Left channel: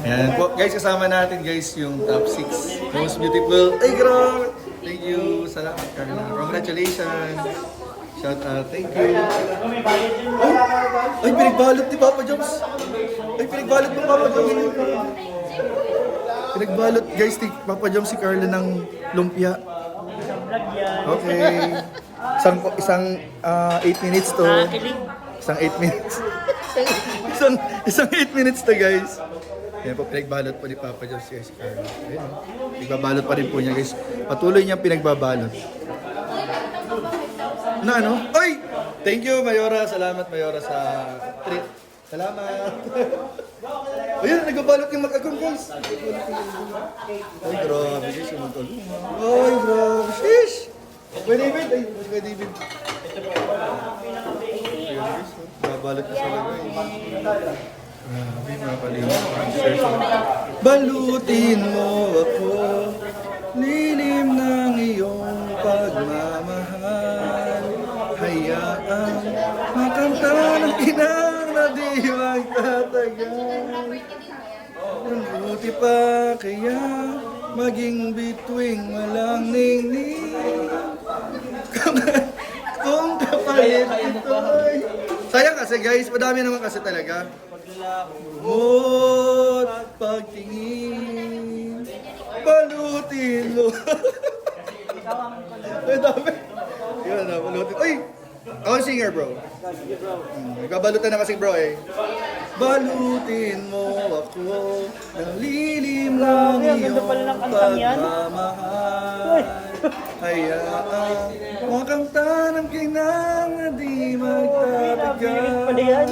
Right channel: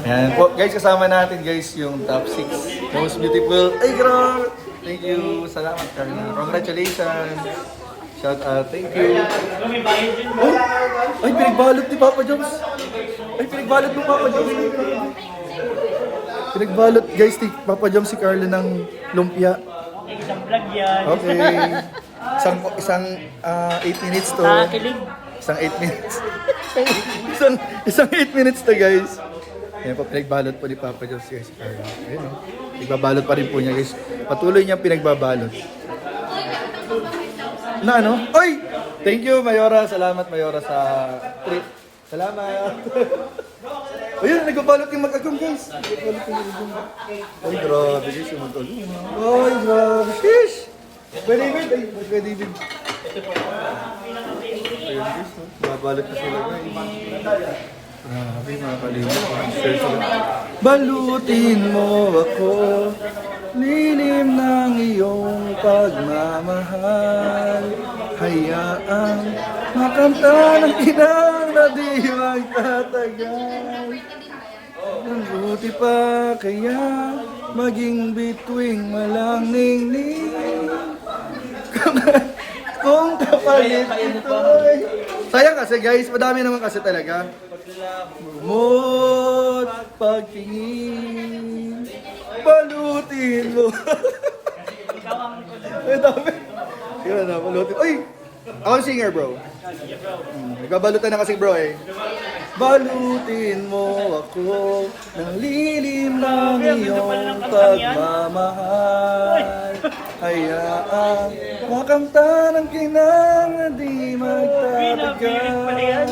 Ayan po, guys, kasama natin guys yung top 6 most beautiful. Ay, grabe! Thank you. Salamat, Carla. Congratulations. Shout out. Thank you. Ay, pinagbalot ni Papa Jones. Ay, pinagbalot ni Papa Jones. Pinagbalot, guys, ni Papa Jones si Carla ng lumpia. Okay. Isang 8 minutes to. Isang 8 minutes. isang 8 minutes to, guys. Ayan po, pinagbalot po ni Papa Jones, guys. Pinagbabalot pa rin po niya, guys. Patuloy niyang pinagbabalot. Na ano? Ay! Thank you, Mayora. Salamat, Mayora, sa trip. Salamat. Ayun, nagbabalot yung mag-agong, guys. Ay, grabe, guys. Ay, grabe. Shish! Pwede ba? Pwede ba? Nagbabalot ko sila. Balutin mo ako, lilim ng iyong pagmamahal. Hayaan makanta ng inang na di magtatagal. Mabuti pa kaya maging bituing walang ningning. Kung kapalit ito'y... Sayang kasi guys, madami naman kasi talaga. Mo't pagtingin, balutin mo. Ikaw ang Balutin. Uy! Ako ang singer, bro. Nagbabalutan na kasi, bro, eh. Balutin mo ako ng lilim ng iyong pagmamahal. Hayaan makamta ng kinang na di magtatagal.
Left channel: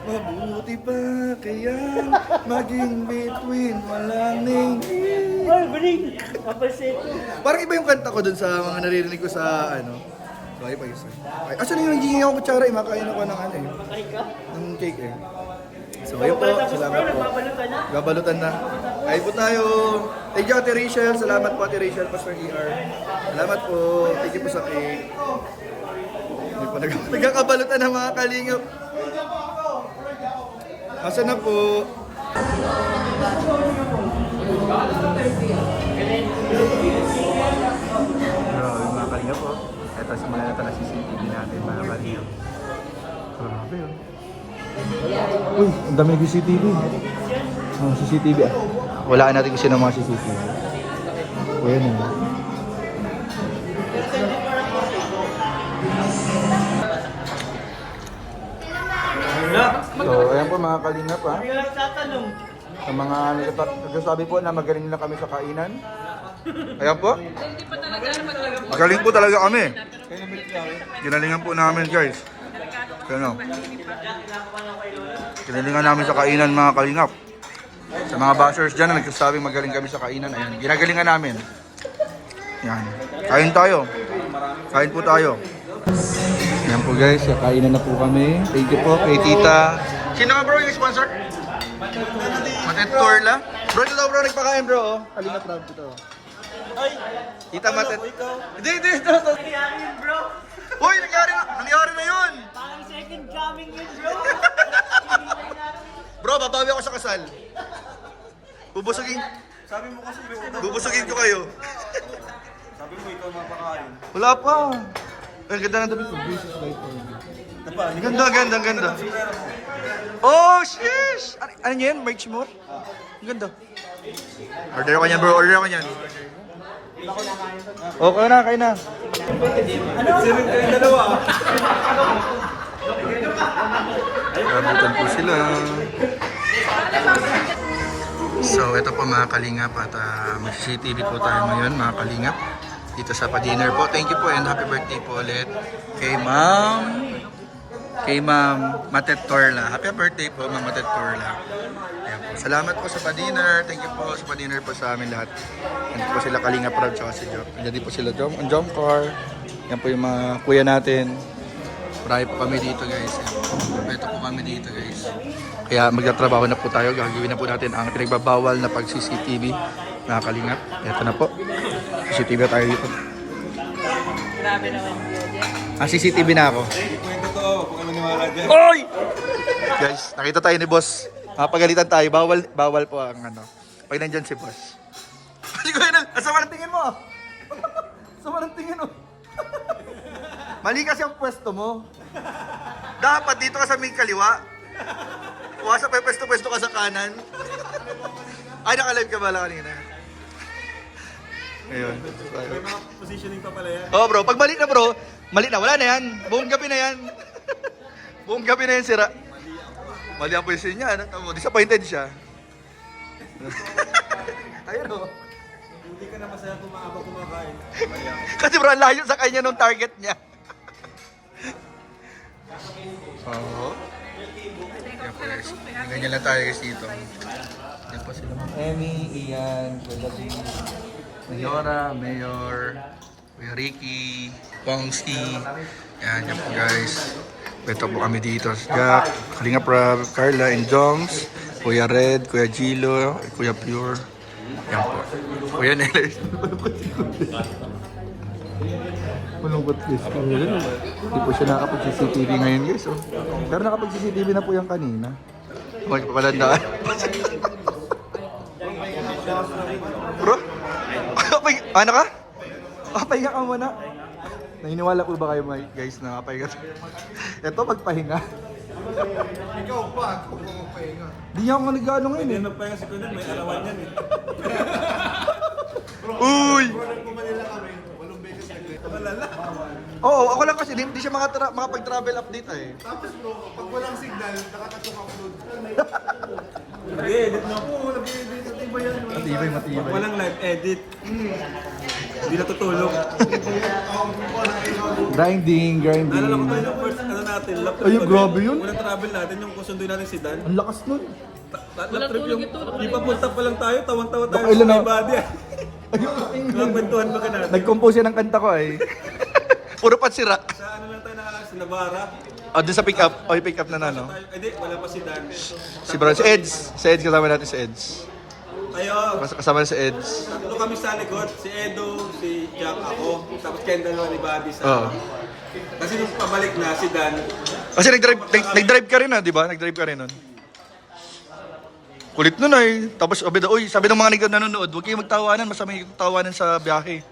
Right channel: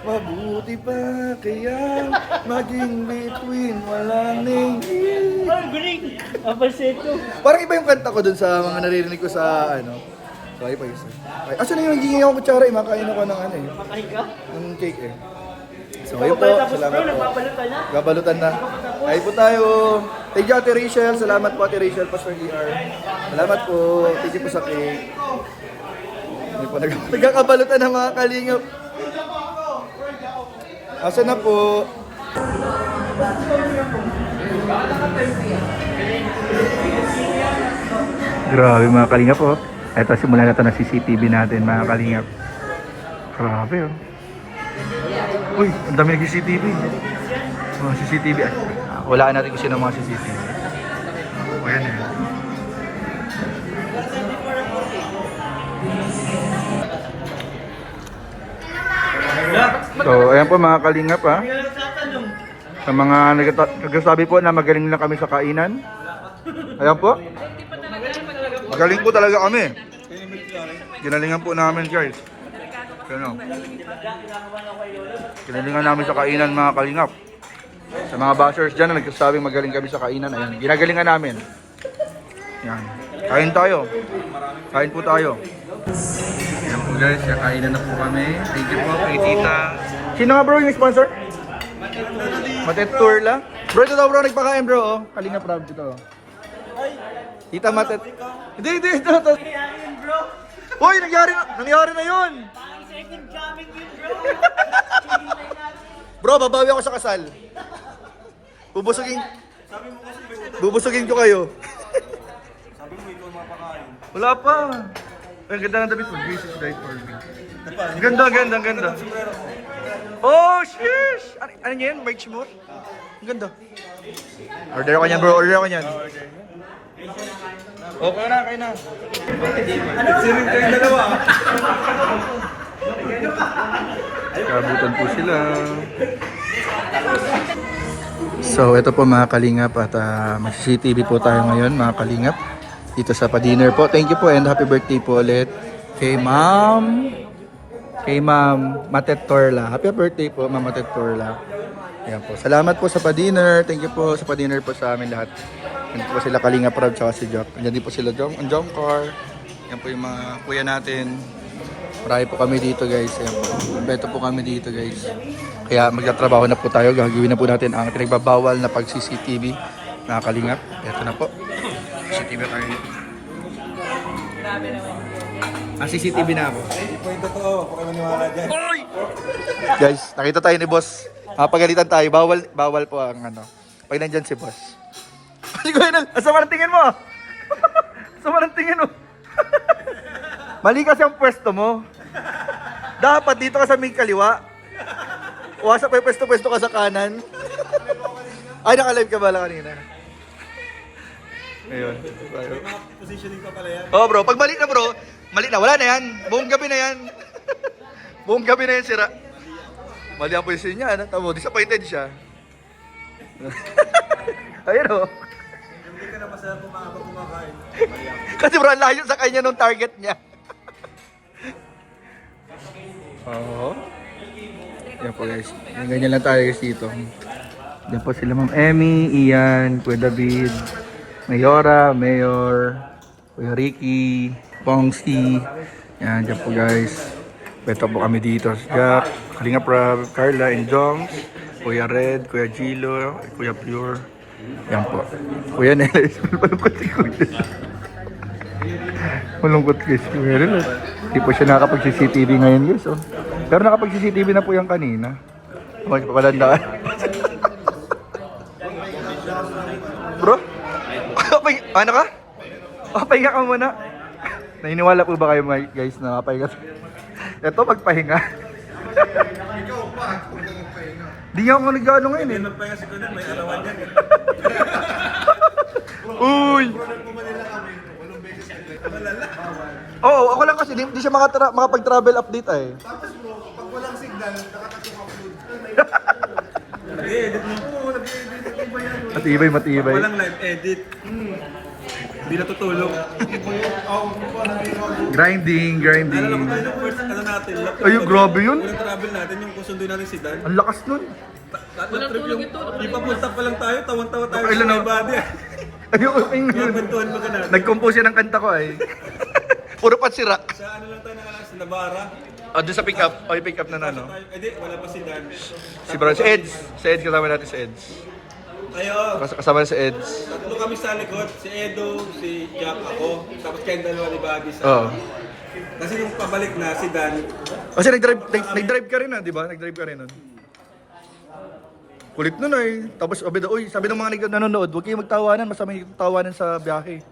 Mabuti pa kaya maging between walang ningning. Parang iba yung kanta ko dun sa mga naririnig ko sa ano. Okay pa yun, sir. Asan yung naging yung kutsara? Makain ako ng ano eh. Ng cake eh. So ayun po, salamat po. Babalutan na. Ayun po tayo. Thank you, Ate Rachel. Salamat po, Ate Rachel, Pastor ER. Salamat po. Thank you po sa cake. May pa nagkakabalutan ng mga kalingap. Asa na po? Grabe mga kalingap po. Ito, simulan na ito na CCTV natin mga kalingap. Grabe oh. Uy, ang dami ng CCTV. Oh, CCTV. Walaan natin kung sino mga CCTV. O yan eh. So, ayan po mga kalingap ha. Sa mga nagsasabi po na magaling na kami sa kainan. Ayan po. Magaling po talaga kami. Ginalingan po namin guys. Ano? Ginalingan namin sa kainan mga kalingap. Sa mga bashers dyan na nagsasabing magaling kami sa kainan. Ayan, ginagalingan namin. Yan. Kain tayo. Kain po tayo. Ayan po guys, kainan na po kami. Thank you po kay Tita. Sino nga bro yung sponsor? Matet Turla. Bro, ito daw bro nagpakain bro. Oh. Kalingap Rob ito. Tita Matet. Hindi. Hoy, nangyari na yun. Parang second coming yun, bro. Bro, babawi ako sa kasal. Bubusugin ko kayo. Sabi mo ikaw mapakain. Wala pa. Ang ganda ng damit mo. Grace is right for me. Ang ganda. Oh, shish! Ano yan? Merch mo? Ang ganda. Order ako niyan bro, order ako niyan. Oh, kain na. Sirin kayong dalawa. Kabutan po sila. So, ito po mga kalingap at mag-CCTV po tayo ngayon mga kalingap. Dito sa pa-dinner po. Thank you po and happy birthday po ulit kay Ma'am Matet Torla. Happy birthday po Ma'am Matet Torla. Ayan po. Salamat po sa pa-dinner. Thank you po sa pa-dinner po sa amin lahat. Yan po sila Kalingap Rob tsaka si Jock. Andiyan din po sila ang Jom Car. Yan po yung mga kuya natin. Marami po kami dito guys. Ayan po. Beto po kami dito guys. Kaya magtatrabaho na po tayo. Gagawin na po natin ang pinagbabawal na pag-CCTV. Mga Kalingap. Ito na po. CCTV tayo dito. Grabe naman. CCTV na ako. Hindi po yung totoo. Huwag ka maniwala dyan. Oy! Guys, nakita tayo ni Boss Pagalitan tayo. Bawal po ang ano. Pag nandyan si boss. Si Kuya Nel, asama ng tingin mo. Asama ng tingin mo. Mali kasi ang pwesto mo. Dapat dito ka sa may kaliwa. Wasa pa yung pwesto-pwesto ka sa kanan. Ay, naka-live ka ba lang kanina? Ayun. Positioning pa pala yan. Oh bro, pag mali na bro, mali na. Wala na yan. Buong gabi na yan. Buong gabi na yan sira. Mali ang position niya. Ano? Tamo, disappointed siya. Ayun o. Hindi ka na masaya kung maabang kumakain. Kasi bro, ang layo sa kanya nung target niya. Oo. Yan po guys. Ganyan lang tayo guys dito. Yan po sila Ma'am Emmy, Ian, Kuya David, Mayora, Mayor, Kuya Ricky, Pongski. Yan, dyan po guys. Beto po kami dito. Jack, Kalinga Prab, Carla and Joms, Kuya Red, Kuya Gilo, Kuya Pure. Yan po. Kuya Nelis. Malungkot si Kuya. Malungkot guys. Kuya Nelis. Hindi po siya nakakapag-CCTV ngayon guys. Oh. Pero nakapag-CCTV na po yung kanina. Huwag pa palandaan. Bro? Ano ka? Pahinga ka muna. Naniniwala po ba kayo guys na pahinga? Ito magpahinga. Ikaw pa, kung magpahinga. Di nga ako nag-ano ngayon eh. Hindi nagpahinga si Kunin, may alawan yan eh. Uy! Manila kami, walong beses kasi. Malala. Oo, ako lang kasi hindi siya makapag-travel update eh. Tapos bro, pag walang signal, nakakatok upload. Nag-edit na po, nag-edit. Ano ba yan? Matibay. Walang live edit. Hindi natutulog. Grinding. Naalala ko tayo yung first ano natin, lap trip. Ayun, grabe yun. Unang travel natin, yung kusunduin natin si Dan. Ang lakas nun. Lap trip yung, ipapunta pa lang tayo, tawang-tawa tayo Nakailan sa na- my body. Ayun. Magkwentuhan ba ka natin? Nag-compose yan ng kanta ko eh. Puro patsira. Sa ano lang tayo nakalakas, sa Navara. Doon sa pick up. Pick up na ano. Tayo, wala pa si Dan. Si Bro, si Eds. Si Eds kasama natin si Eds. Tayo, Kasama si Eds. tatlo kami sa likod, si Edo, si Jack, ako, tapos Kendall ni Buddy sa Oo. Kasi nung pabalik na si Dan, Kasi nag-drive ka rin di ba? Nag-drive ka rin nun. Kulit nun eh. Tapos sabi ng mga nanonood, huwag kayong magtawanan, masama yung tawanan sa biyahe.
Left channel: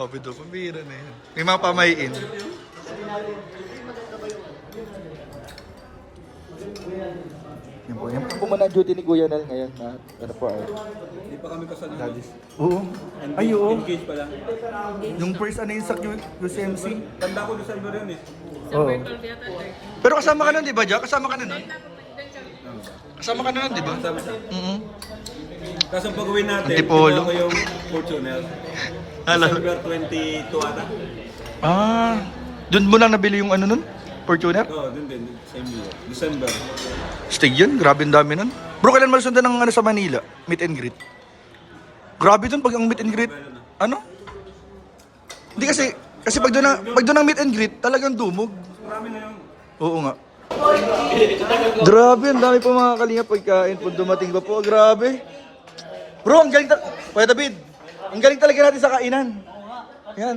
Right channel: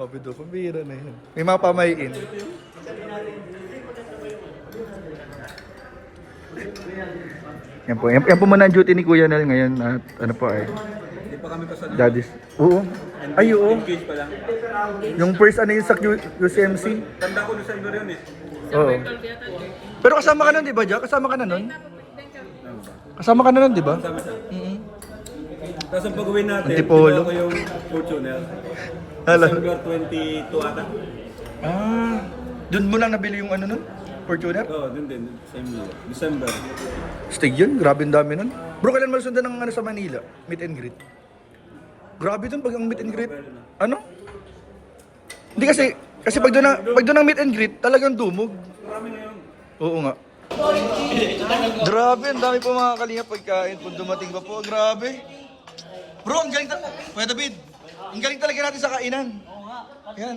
Sabi daw, pambira na yan. May mga pamayin. Yan po muna ang duty ni Kuya Nel ngayon at ano po ay hindi pa kami kasali. daddy's. Oo. Ay, oo. Engage pa lang. Yung first ano yung sa UCMC. Tanda ko doon sa iba rin eh. Oo. Pero kasama ka nun, di ba, Jack? Kasama ka na nun? Kasama ka na nun, di ba? Tama siya. Mm-hmm. Tapos ang pag-uwi natin, Antipolo. kinuha ko yung Fortuner. Hala. December 22 ata. Doon mo lang nabili yung ano nun? Fortuner? Oo, dun din. Same year. December. Stig yun, grabe ang dami nun. Bro, kailan malusundan ng ano sa Manila? Meet and greet. Grabe dun pag ang meet and greet. Ano? Hindi kasi pag doon ang meet and greet, talagang dumog. Marami na yun. Oo nga. Grabe, ang dami pa mga kalinga pagkain. Pag dumating pa po, grabe. Bro, ang galing Kuya David, ang galing talaga natin sa kainan. Yan.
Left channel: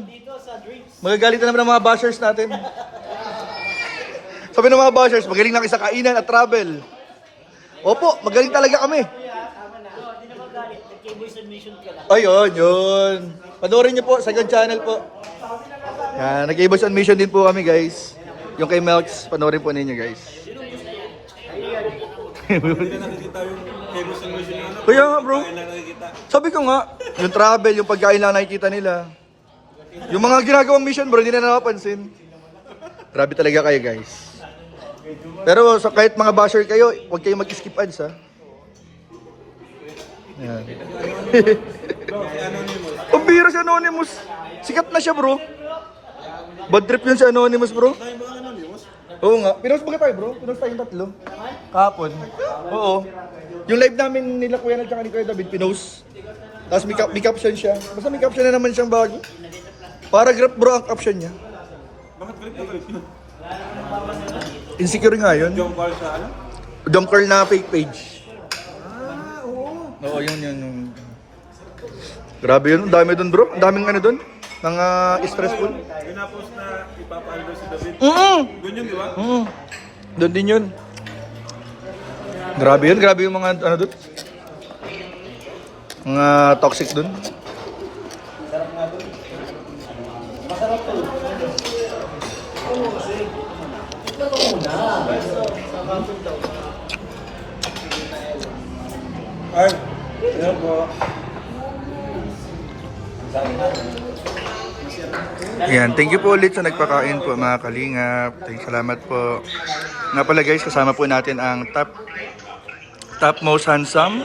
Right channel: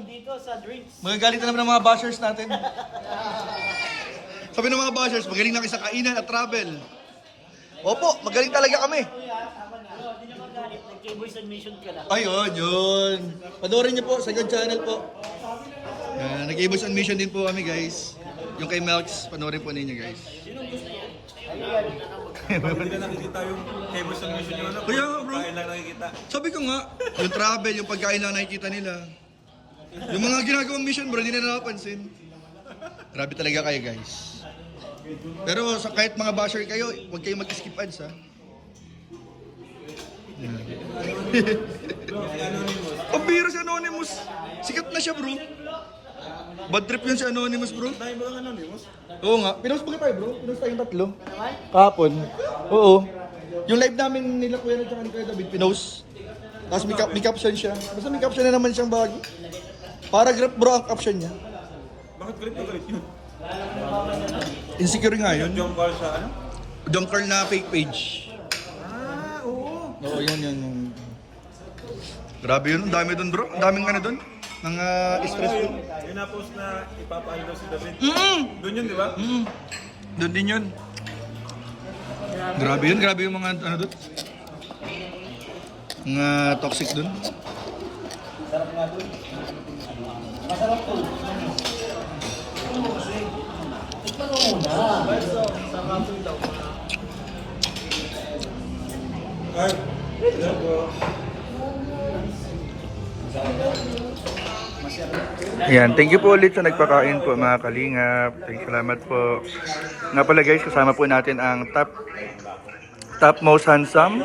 Magagalit na naman ang mga bashers natin. Sabi ng mga bashers, magaling lang sa kainan at travel. Opo, magaling talaga kami. Ayun, yun. Panoorin niyo po, second channel po. Yan, nag-Cables on Mission din po kami guys. Yung kay Melks, panoorin po ninyo guys. Hindi na nakikita yung Cables and Mission ano. Kaya nga bro, Hindi na nakikita. sabi ko nga, yung travel, yung pagkain lang nakikita nila. Yung mga ginagawang mission bro, hindi na nakapansin. Grabe talaga kayo guys. Pero so, kahit mga basher kayo, huwag kayong mag-skip ads ha. Yan. Ang bira si Anonymous. Sikat na siya bro. Bad trip yun si Anonymous bro. Oo nga. Pinost ba tayo bro? Pinost tayong tatlo. Kahapon. Oo. Yung live namin nila Kuya at saka ni Kuya David, pinost. Tapos may caption siya. Basta may caption na naman siyang bago. Paragraph bro ang caption niya. Bakit galit yun? Insecure nga yun. Yung call sa ano? Donker na fake page. Oo. Oo, yun. Grabe yun. Ang dami dun bro. Ang daming ano dun. Mga stressful. Yung na-post na ipapalo si David. Mm-mm. Doon yun, di ba? Doon din yun. Grabe yun, grabe yung mga ano doon. Mga toxic doon. Art. Hello po. Ayan, thank you po ulit sa nagpakain po mga kalingap. Salamat po. Nga pala guys, kasama po natin ang top most handsome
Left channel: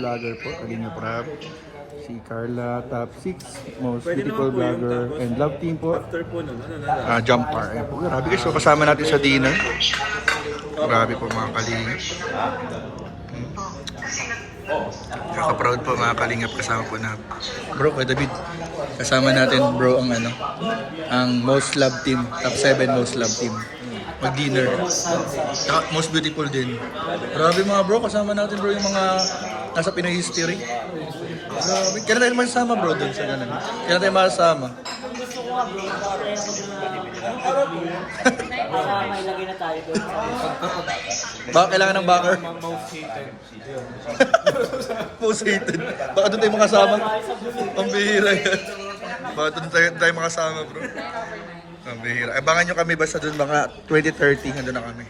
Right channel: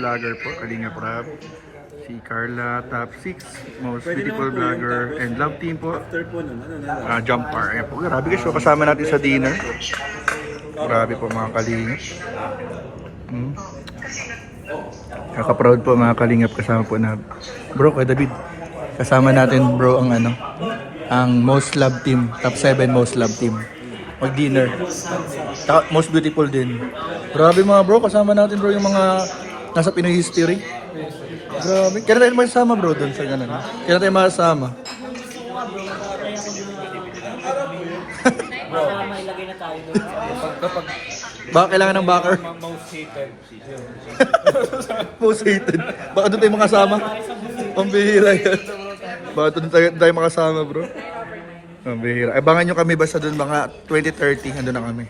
vlogger po, Kalingap Rab. Si Carla, top 6 most beautiful vlogger and love team po. After po nun, ano na? Jump car. Ayan po, grabe guys. So kasama natin sa dinner. Grabe po mga kalingap. Kaka-proud po mga kalingap kasama po na. Bro, Kuya David, kasama natin bro ang ano, ang most love team, top 7 most love team. Mag-dinner. Most beautiful din. Grabe mga bro, kasama natin bro yung mga nasa Pinoy history. Grabe. Kaya tayo masama bro doon sa ganun. Kaya tayo masama. Kasama, ilagay na tayo doon. Baka kailangan ng backer. Most hated. Most hated. Baka doon tayo makasama. Pambihira yan. Baka doon tayo makasama bro. Pambihira. Abangan nyo kami basta doon mga 2030. Doon na kami.